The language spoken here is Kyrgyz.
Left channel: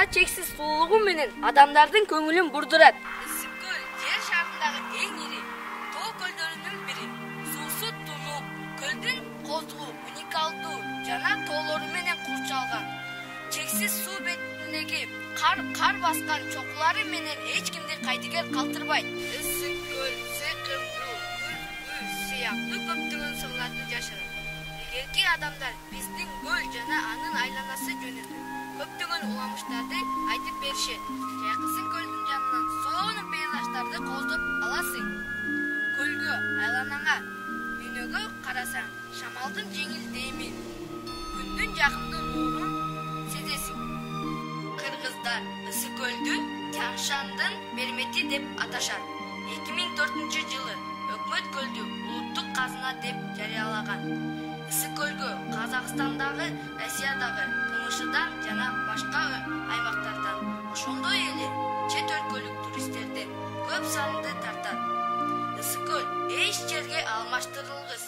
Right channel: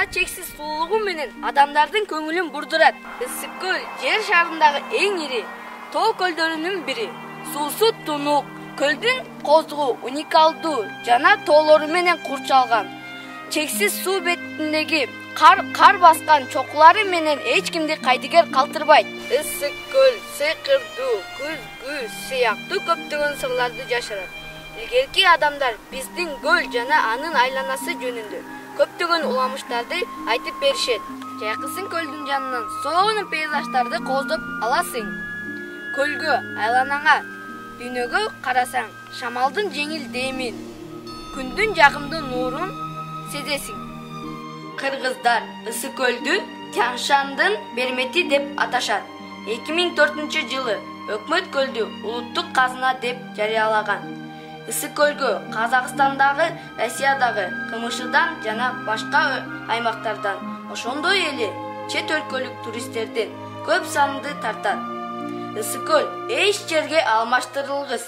жана чексиз сулуулугу менен адамдардын көңүлүн бурдурат. Ысык көл жер шарындагы эң ири тоо көлдөрүнүн бири. Суусу тунук, көлдүн козугу уникалдуу жана тоолору менен курчалган. Чексиз суу бетиндеги кар баскан чокулары менен эч кимди кайдыгер калтырбайт. Ысык көл сыйкырдуу, күзгү сыяктуу көптөгөн сырларды жашырат. Илгерки адамдар биздин көл жана анын айланасы жөнүндө көптөгөн уламыштарды айтып беришет. Жайкысын көлдүн жанынан сонун пейзаждарды кооздоп аласың. Көлгө, айланаңа, дүйнөгө карасаң, шамалдын жеңил демин, күндүн жагымдуу нурун сезесиң. Кыргыздар Ысык көлдү Тянь-Шандын бермети деп аташат. 2004-жылы өкмөт көлдү улуттук казына деп жарыялаган. Ысык көлгө Казакстандагы, Россиядагы, КМШдан жана башка аймактардан, ошондой эле чет өлкөлүк туристтерден көп санды тартат. Ысык көл эч жерге алмаштырылгыс.